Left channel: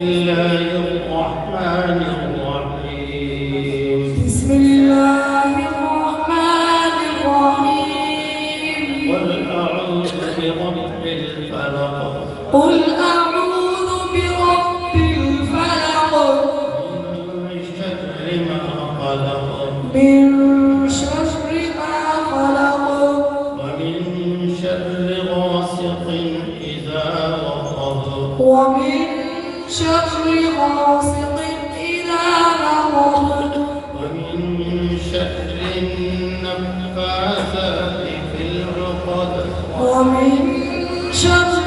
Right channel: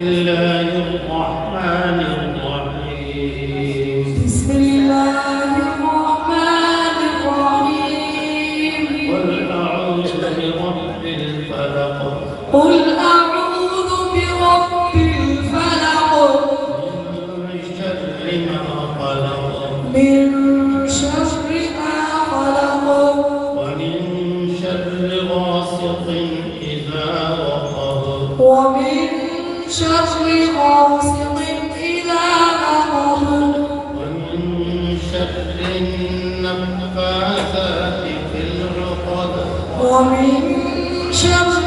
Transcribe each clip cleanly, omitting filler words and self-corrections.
الله الرحمن الرحيم. بسم الله الرحمن الرحيم. قل أعوذ برب الفلق. قل أعوذ برب الفلق. من شر ما خلق. من شر ما خلق. ومن شر غاسق إذا وقب. ومن شر غاسق إذا وقب. ومن شر النفاثات في العقد. ومن شر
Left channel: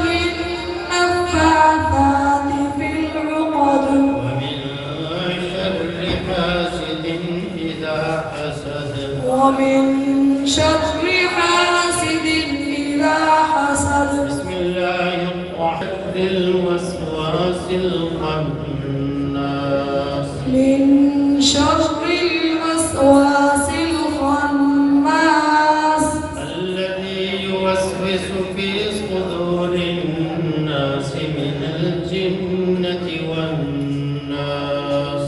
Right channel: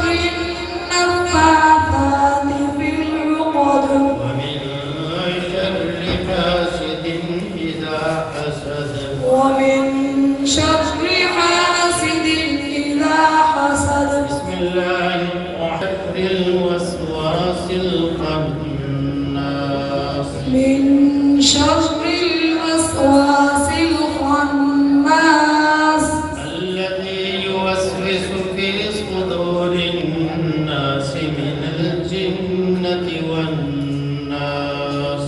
النفاثات في العقد. ومن شر حاسد إذا حسد. ومن شر حاسد إذا حسد. بسم الله الرحمن الوسواس الخناس. من شر الوسواس الخناس. الذي يوسوس في صدور الناس من الجنة والناس.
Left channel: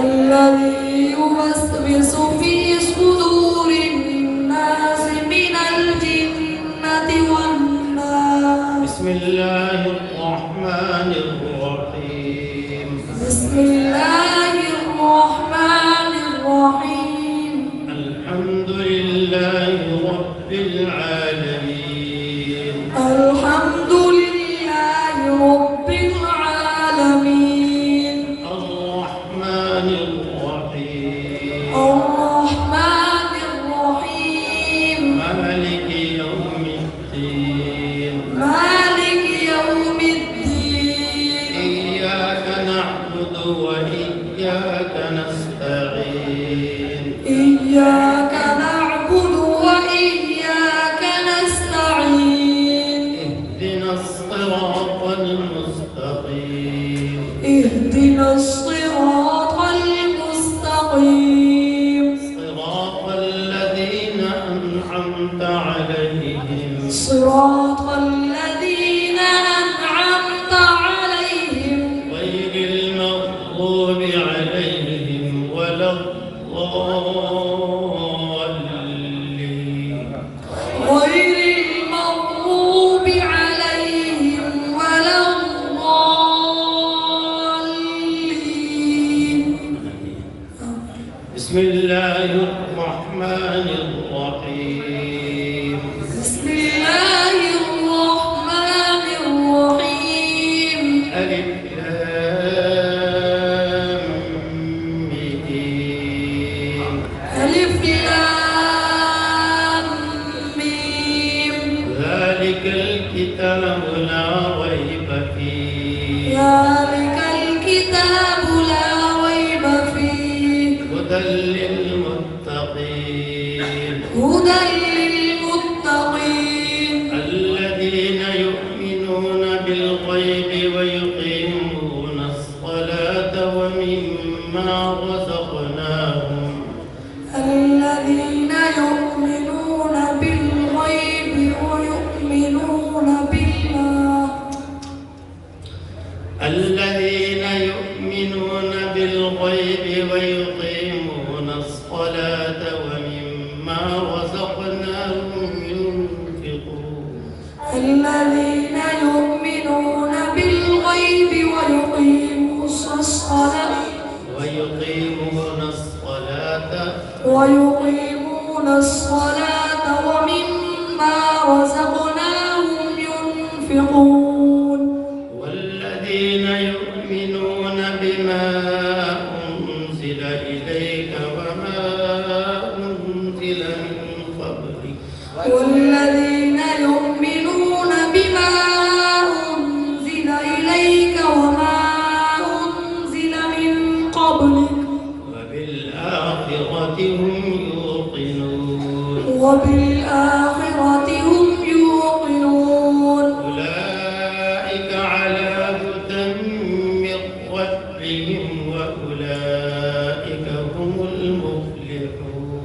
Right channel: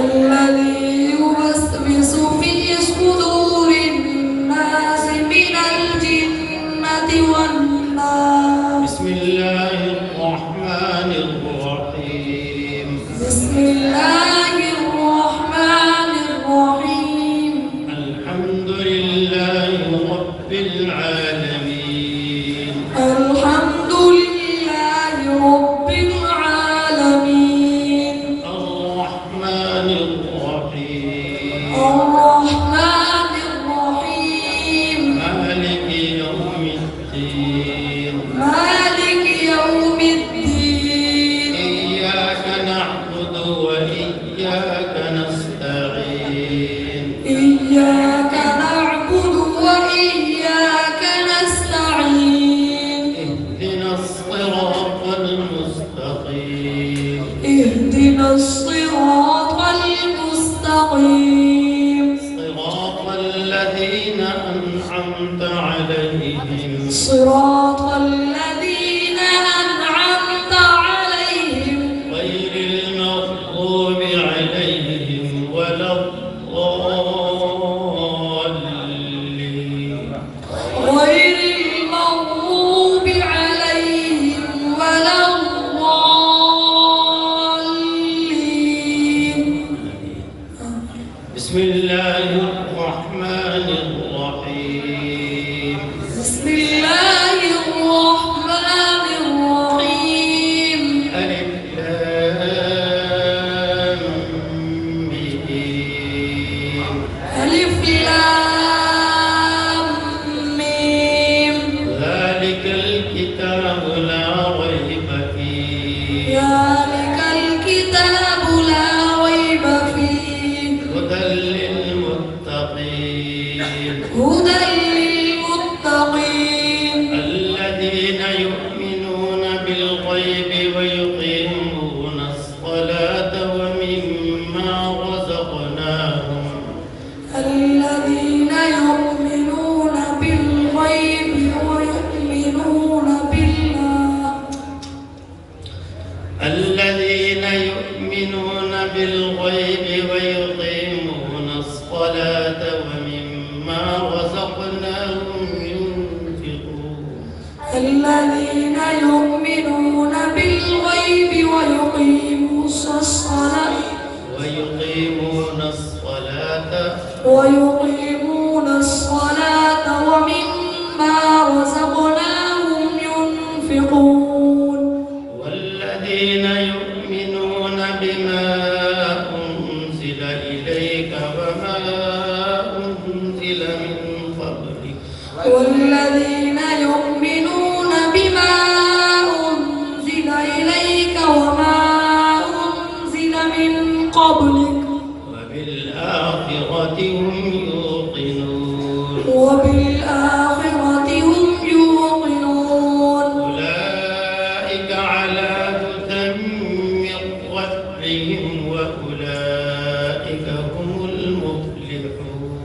الذي يوسوس في صدور الناس من الجنة والناس. بسم الله الرحمن الرحيم. بسم الله الرحمن الرحيم. الحمد لله رب العالمين. الحمد لله رب العالمين. الرحمن الرحيم. الرحمن الرحيم. مالك يوم الدين. مالك يوم الدين. إياك نعبد وإياك نستعين. إياك نعبد وإياك نستعين. اهدنا الصراط المستقيم. اهدنا الصراط المستقيم. صراط الذين أنعمت عليهم. صراط الذين أنعمت عليهم. غير المغضوب عليهم ولا الضالين. غير المغضوب عليهم ولا الضالين. بسم الله الرحمن الرحيم. بسم الله الرحمن الرحيم. ألف لام ميم. ألف لام ميم. ذلك الكتاب لا ريب فيه. ذلك الكتاب لا ريب فيه. هدى للمتقين. هدى للمتقين. الذين يؤمنون بالغيب ويقيمون الصلاة ومما رزقناهم. الذين يؤمنون بالغيب ويؤمنون بالله. الذين يؤمنون بالغيب ويقيمون الصلاة ومما رزقناهم ينفقون. الذين يؤمنون بالغيب ويقيمون الصلاة ويقيمون الصلاة ومما رزقناهم ينفقون. والذين يؤمنون بما أنزل إليك وما أنزل من قبلك. والذين يؤمنون بما أنزل إليك وما أنزل من قبلك. وبالآخرة هم يوقنون. وبالآخرة هم يوقنون. أولئك على هدى من ربهم وأولئك هم المفلحون.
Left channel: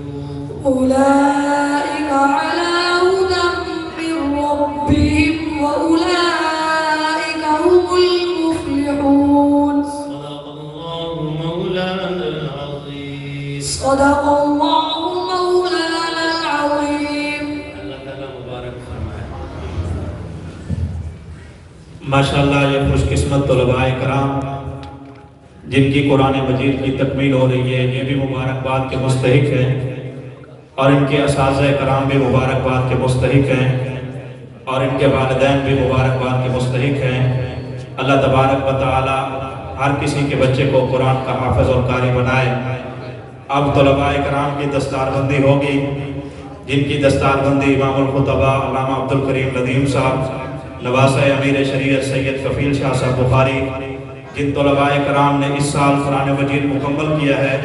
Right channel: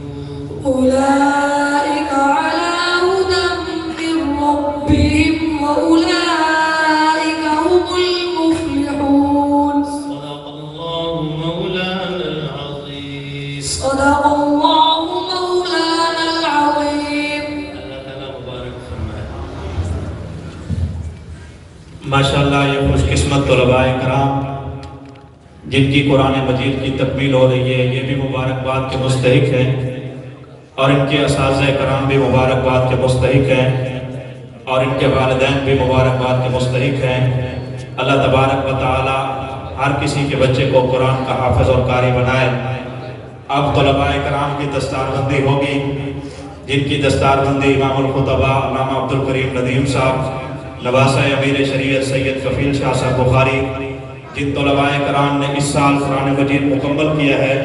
أولئك على هدى من ربهم وأولئك هم المفلحون. सदक़ल्लाहु मौलाना अज़ीम। अल्लाह ताला मुबारक फरमाए। माशाअल्लाह ये खुशकिस्मत तलबाए कराम जिनकी कुरान मजीद की तकमील हो रही है, ये भी मुबारकबाद के मुस्तहिक हैं और इनके असातिज़ा कराम भी मुबारकबाद के मुस्तहिक हैं और इनके वालिदैन भी मुबारकबाद के मुस्तहिक हैं। अल्लाह तबारक व तआला हर किसी के बच्चे को कुरान का हाफिज़ और कारी बनाए। अब तलबाए कराम की दस्तारबंदी होगी, जिनकी दस्तारबंदी इमामुल खुतबा अल्लामा अब्दुल करीम नदीम साहब, नवासा अमीर शरीयत सैयद कफील शाह साहब बुखारी, जिन तलबाए कराम ने इस साल कुरान मजीद मुकम्मल किया है,